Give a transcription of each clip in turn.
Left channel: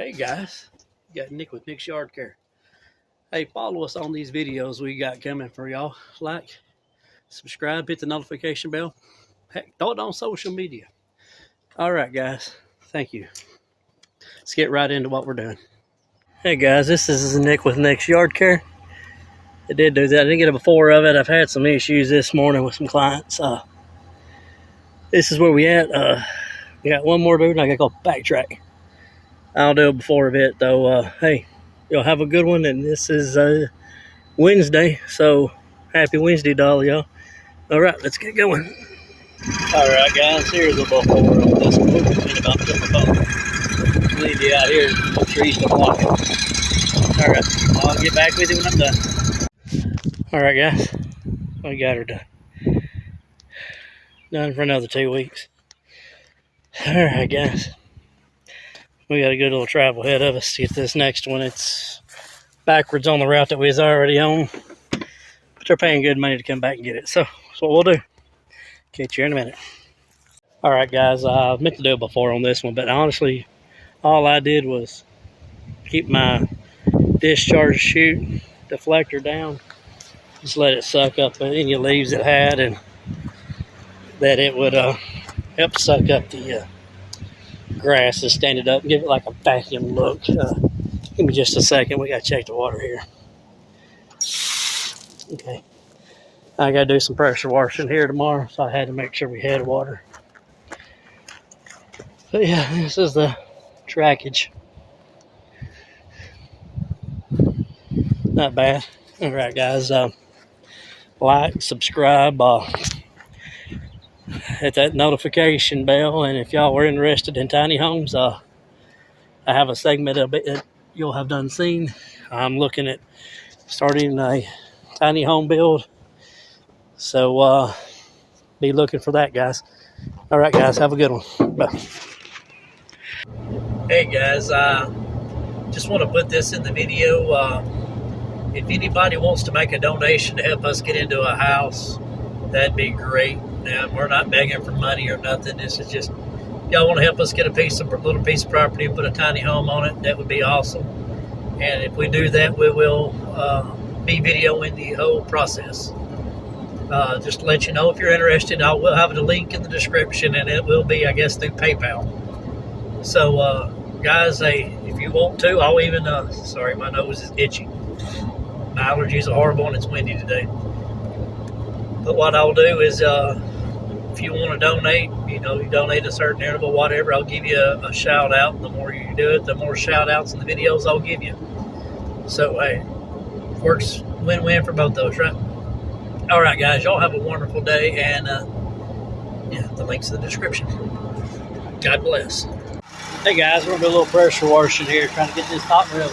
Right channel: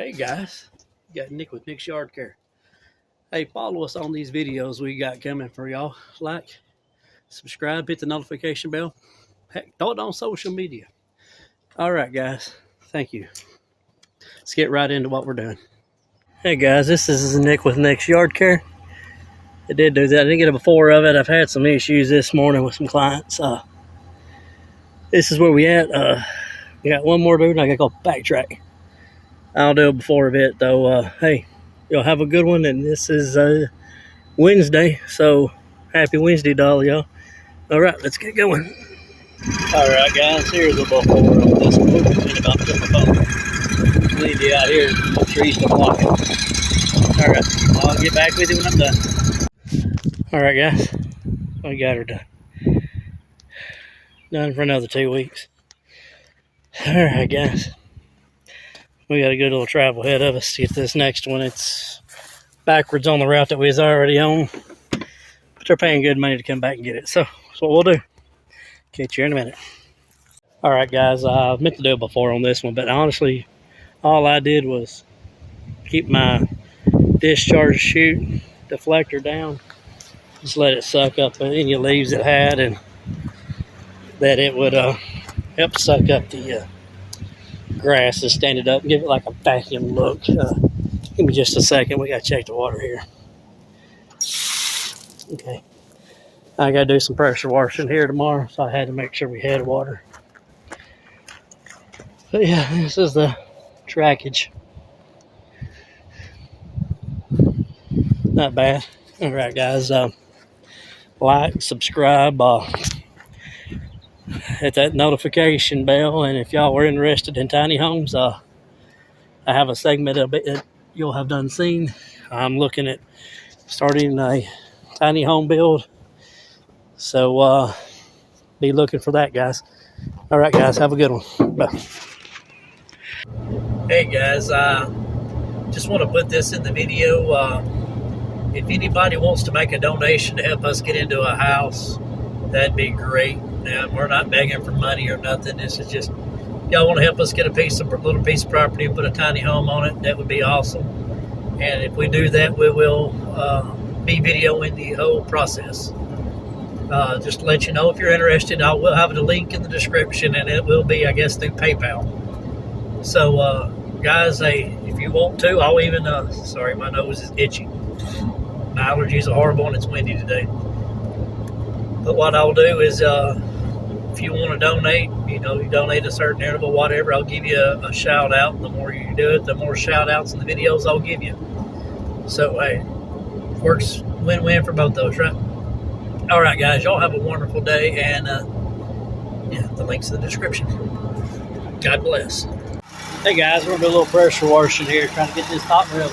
Hey guys, you got Nick with Nick's Yard Care. Hey, follow us on these videos we got coming for y'all. Like, subscribe, hit the notification bell. Heck, throw it on social media. All right, guys, thank you. Let's get right into what we're doing. Hey guys, this is Nick with Nick's Yard Care. I did do that. I didn't get a before of it. I've had some issues this morning with some clients. This is where we at. We got one more dude, and I gotta go backtrack. I'll do a before of it though. Hey, y'all have a good one, and this is Wednesday, so happy Wednesday to all y'all. All right, let's get going. All right, guys, here's a before of this one. About the phone. Leave you out here. The trees are blocking. All right, I'll get back with you when I'm done. All right, guys, I got her done. Done for another 2 weeks. All right, guys. We got a good little travel ahead of us to get this next one. It's backwards on the route that we was already on, but they're paying good money to come back and get it. So that's what we'll do. Catch you in a minute. All right, guys, I meant to do it before on this one, but honestly, all I did was keep my discharge chute deflector down. Just let it suck up any leaves it had, and that it would help suck up the grass and stand it up and give it like a vacuum look. Give me just a second. We got to check the water here. Okay. I got to do some pressure washing here tomorrow, so I had to make sure we had water. But yeah, this is the trackage. Not bad. All right, guys. Like, subscribe, hit that notification bell, and if y'all were interested in tiny homes, I have a segment of it that you'll have done seen. I'm looking at starting a tiny home build, so be looking for that, guys. All right, guys, have a good one. Bye. Hey guys, just want to put this in the video. If anybody wants to make a donation to help us get into a house, that'd be great. We're not begging for money or nothing. This is just, y'all want to help us get a little piece of property and put a tiny home on it, that would be awesome. And if we do that, we will be videoing the whole process. Just to let you know, if you're interested, I will have a link in the description, and it will be, I guess, through PayPal. So, guys, hey, if you want to, I'll even, sorry, my nose is itchy. My allergies are horrible, and it's windy today. But what I'll do is, if you want to donate, you donate a certain interval, whatever, I'll give you a shout out. The more you do it, the more shout outs in the videos I'll give you. So, hey, works win-win for both those, right? All right, guys, y'all have a wonderful day, and yeah, the link's in the description. God bless. Hey, guys, we're going to do a little pressure washing here, trying to get this hot real.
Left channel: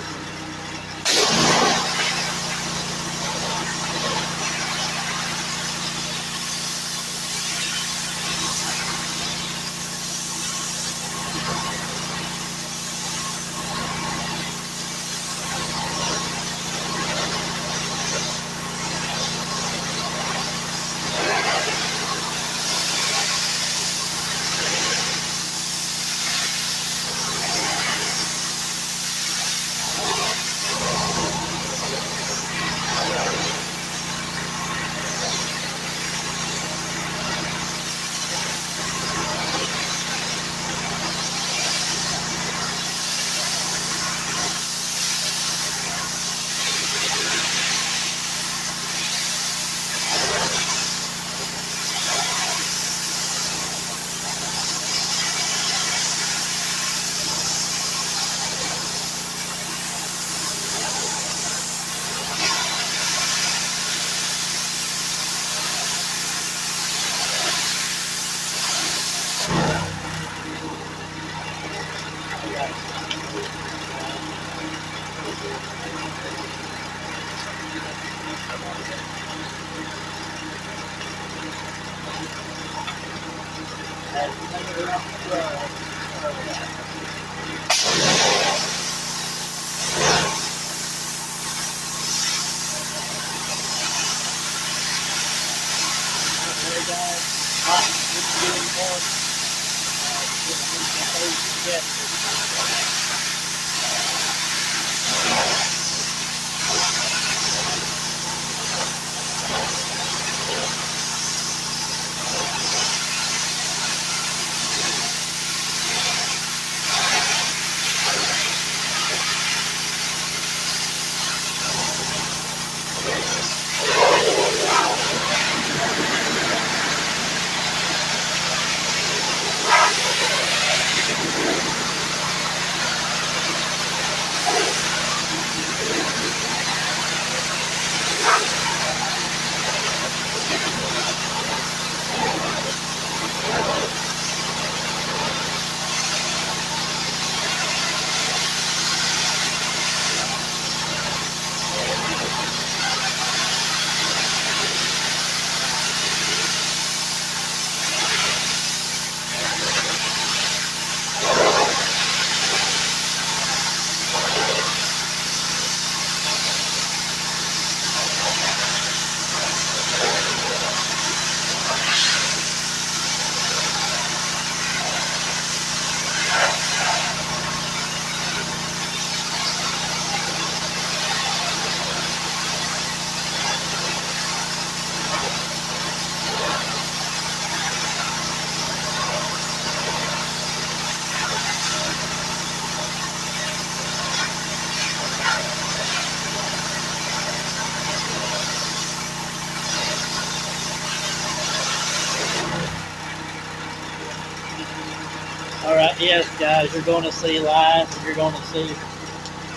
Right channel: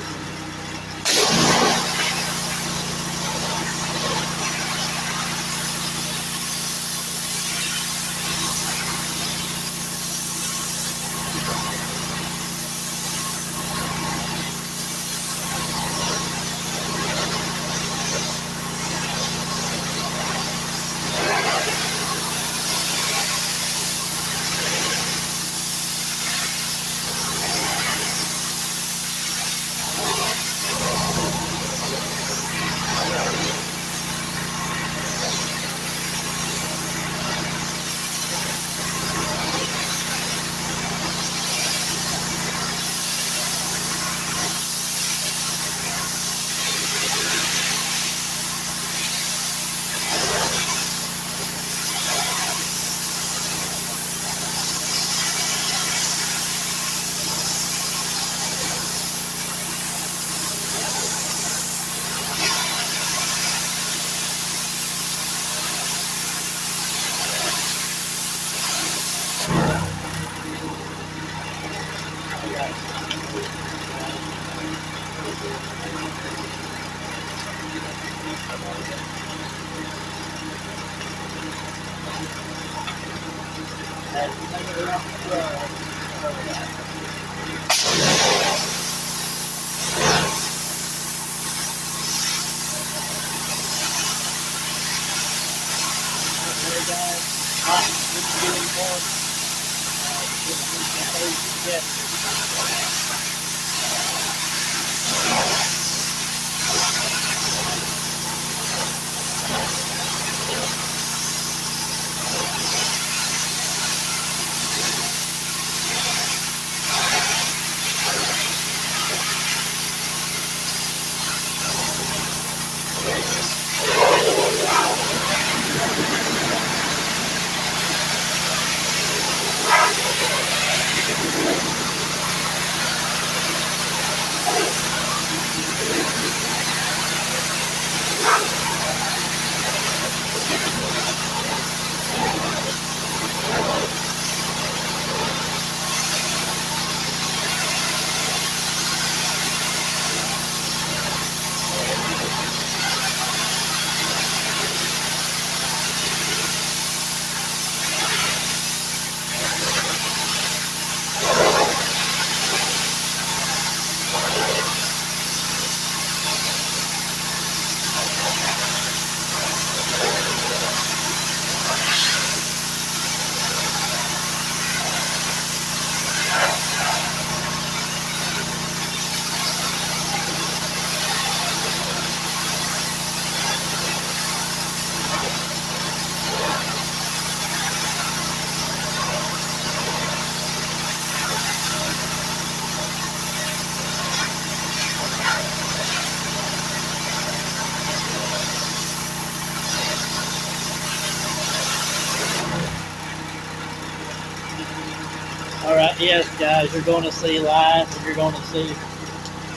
yes, guys, you're going to see lines and you're going to see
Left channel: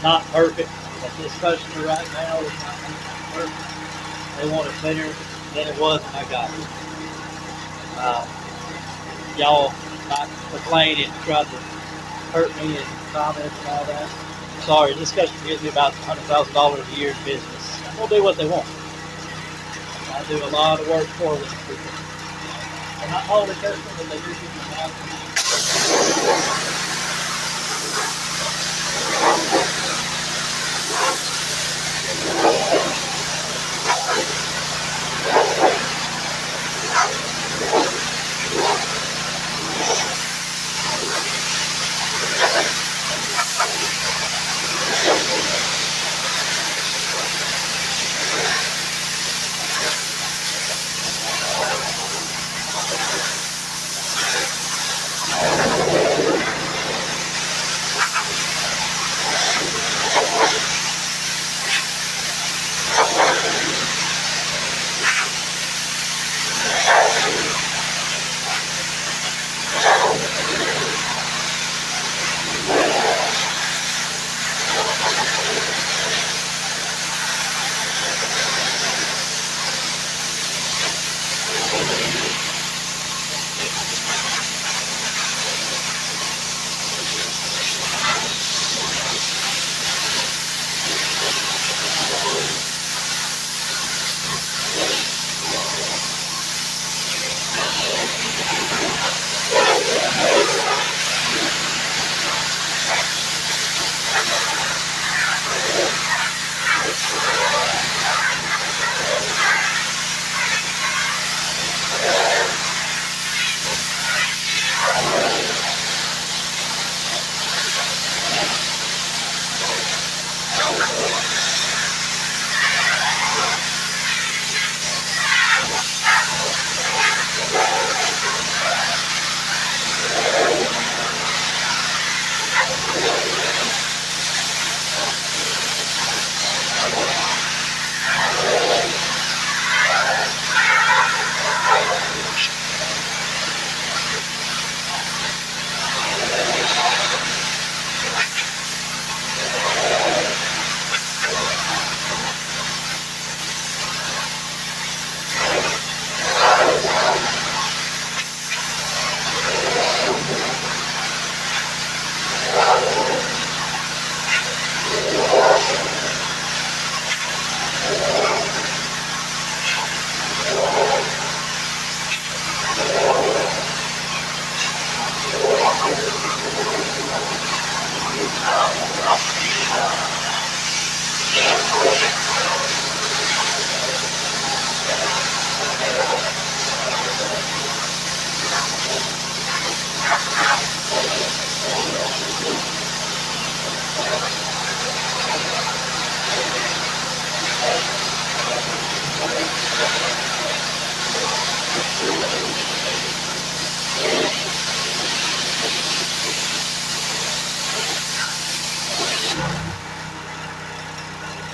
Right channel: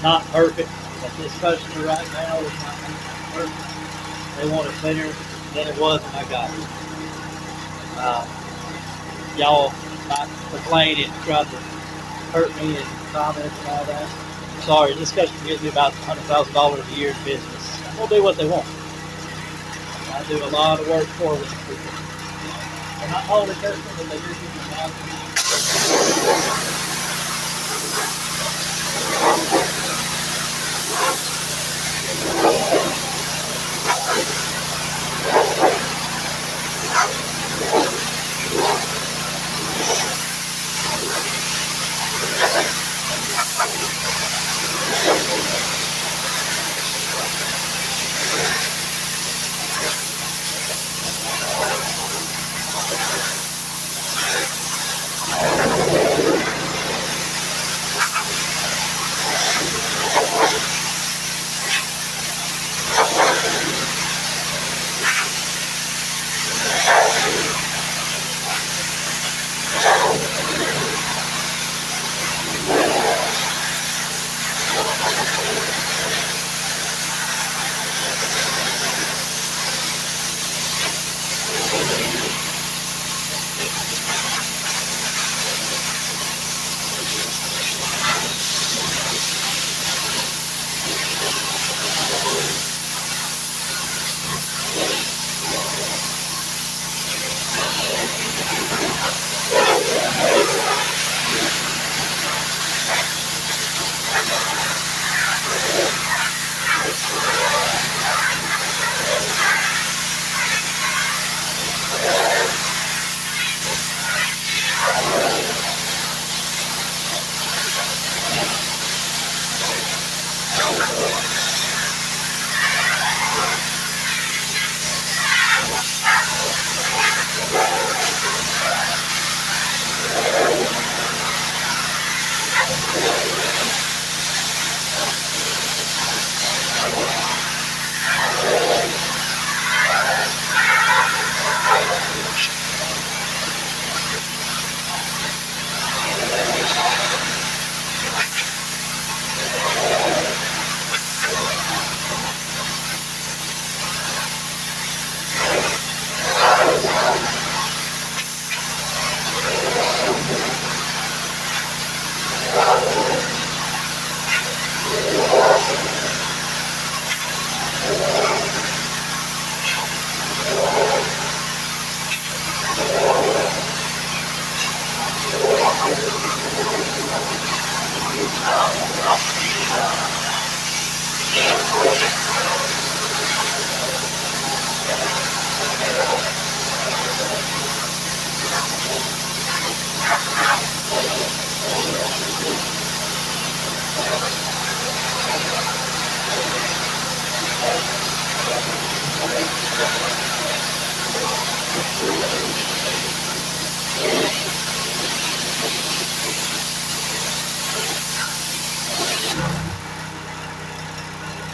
not perfect. But this customer right now is not perfect. They want it better than it was when I got it. Y'all not complain and try to hurt me and comments and all that. Sorry, this customer gives me about $100,000 a year in business. I'm going to do what they want. I do a lot of work for them. I'm not all the customers, but they do give me a lot.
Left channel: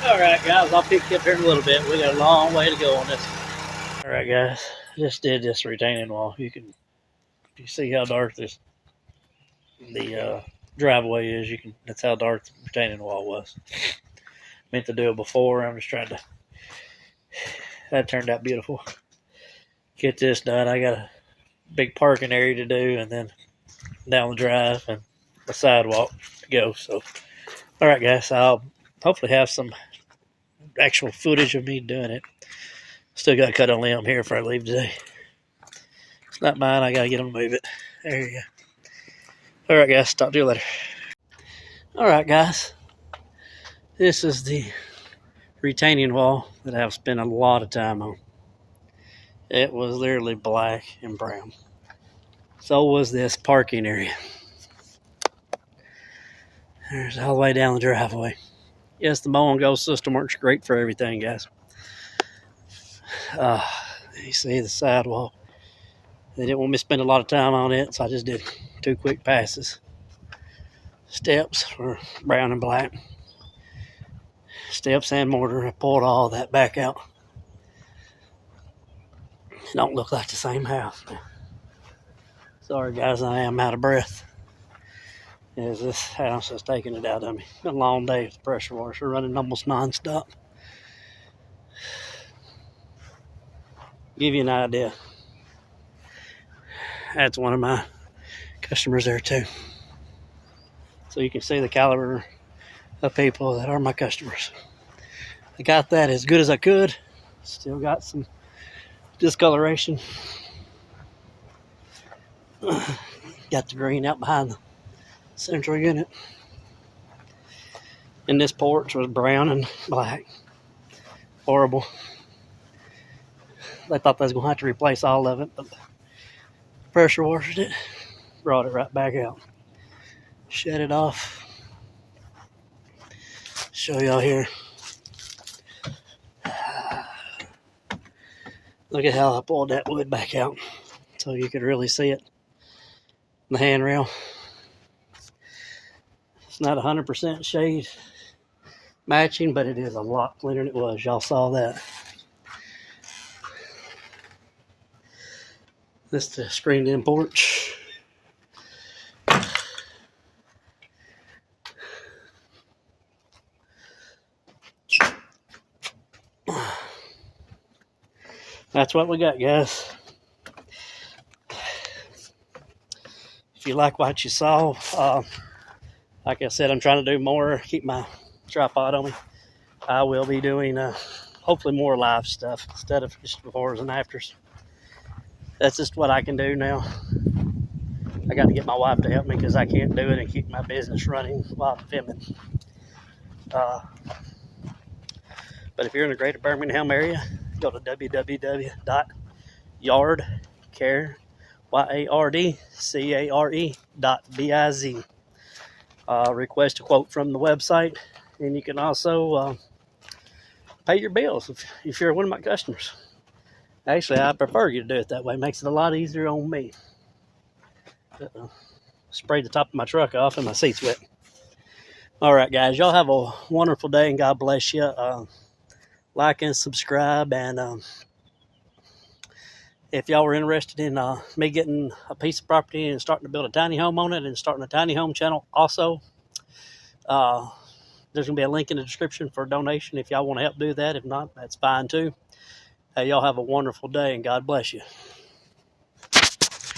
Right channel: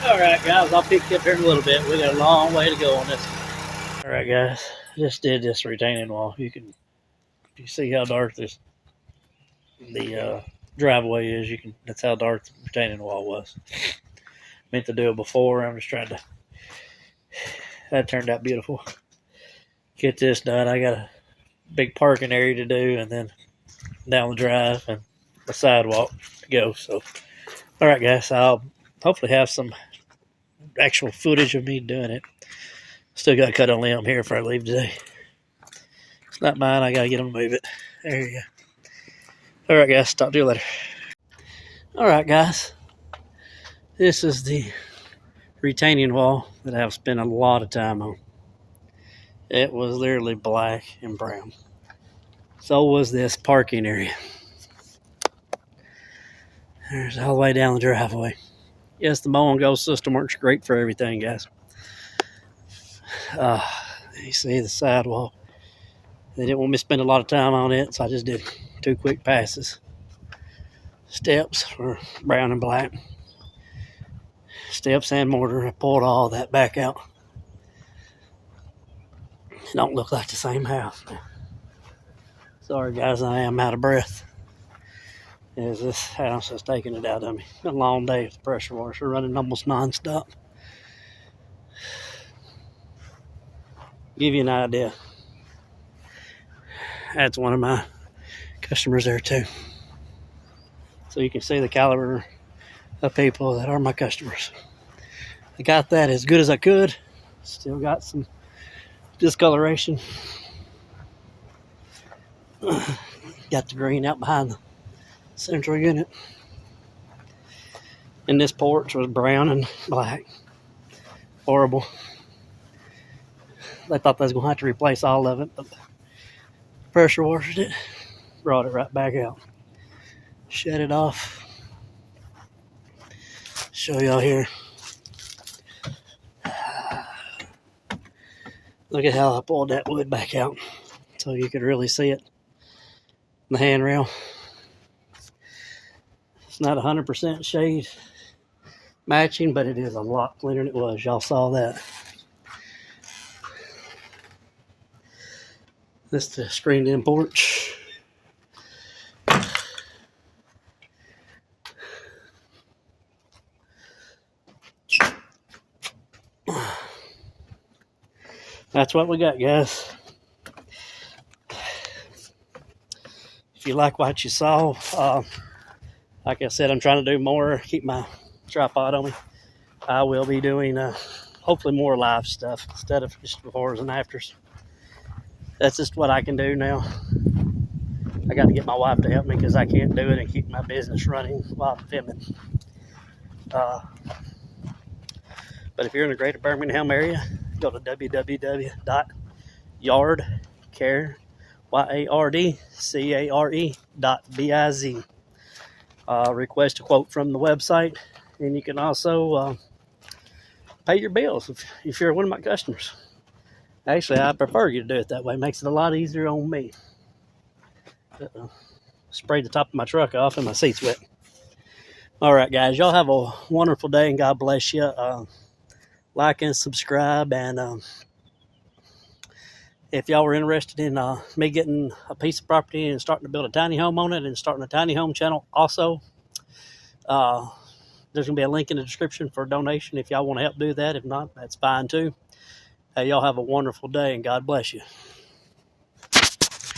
Alright guys, I'll pick you up here in a little bit. We got a long way to go on this. Alright guys, just did this retaining wall. You see how dark the driveway is. That's how dark the retaining wall was. Meant to do it before. I'm just trying to. That turned out beautiful. Get this done. I got a big parking area to do, and then down the drive and the sidewalk to go. So, all right, guys. I'll hopefully have some actual footage of me doing it. Still got to cut a limb here before I leave today. It's not mine. I got to get them to move it. There you go. All right, guys. Talk to you later. All right, guys. This is the retaining wall that I've spent a lot of time on. It was literally black and brown. So was this parking area. There's all the way down the driveway. Yes, the Mowing Go system works great for everything, guys. You see the sidewalk. They didn't want me to spend a lot of time on it, so I just did 2 quick passes. Steps were brown and black. Steps and mortar. I pulled all that back out. It don't look like the same house. Sorry, guys, I am out of breath. is this house is taking it out of me. A long day with the pressure washer running almost non-stop. Give you an idea. That's one of my customers there too. So you can see the caliber of people that are my customers. I got that as good as I could. Still got some discoloration. Got the green out behind the central unit. And this porch was brown and black. Horrible. They thought they was going to have to replace all of it, but pressure washed it, brought it right back out. Shut it off. Show y'all here. Look at how I pulled that wood back out so you could really see it. The handrail. It's not 100% shade matching, but it is a lot cleaner than it was. Y'all saw that. This is the screened in porch. That's what we got, guys. If you like what you saw, like I said, I'm trying to do more, keep my tripod on me. I will be doing hopefully more live stuff instead of just befores and afters. That's just what I can do now. I got to get my wife to help me because I can't do it and keep my business running while I'm filming. But if you're in the greater Birmingham area, go to www.yardcare.biz. Request a quote from the website, and you can also pay your bills if you're one of my customers. Actually, I prefer you to do it that way. It makes it a lot easier on me. Sprayed the top of my truck off and my seat's wet. All right, guys, y'all have a wonderful day and God bless you. Like and subscribe, and if y'all were interested in me getting a piece of property and starting to build a tiny home on it and starting a tiny home channel also, there's going to be a link in the description for a donation if y'all want to help do that. If not, that's fine too. Hey, y'all have a wonderful day and God bless you.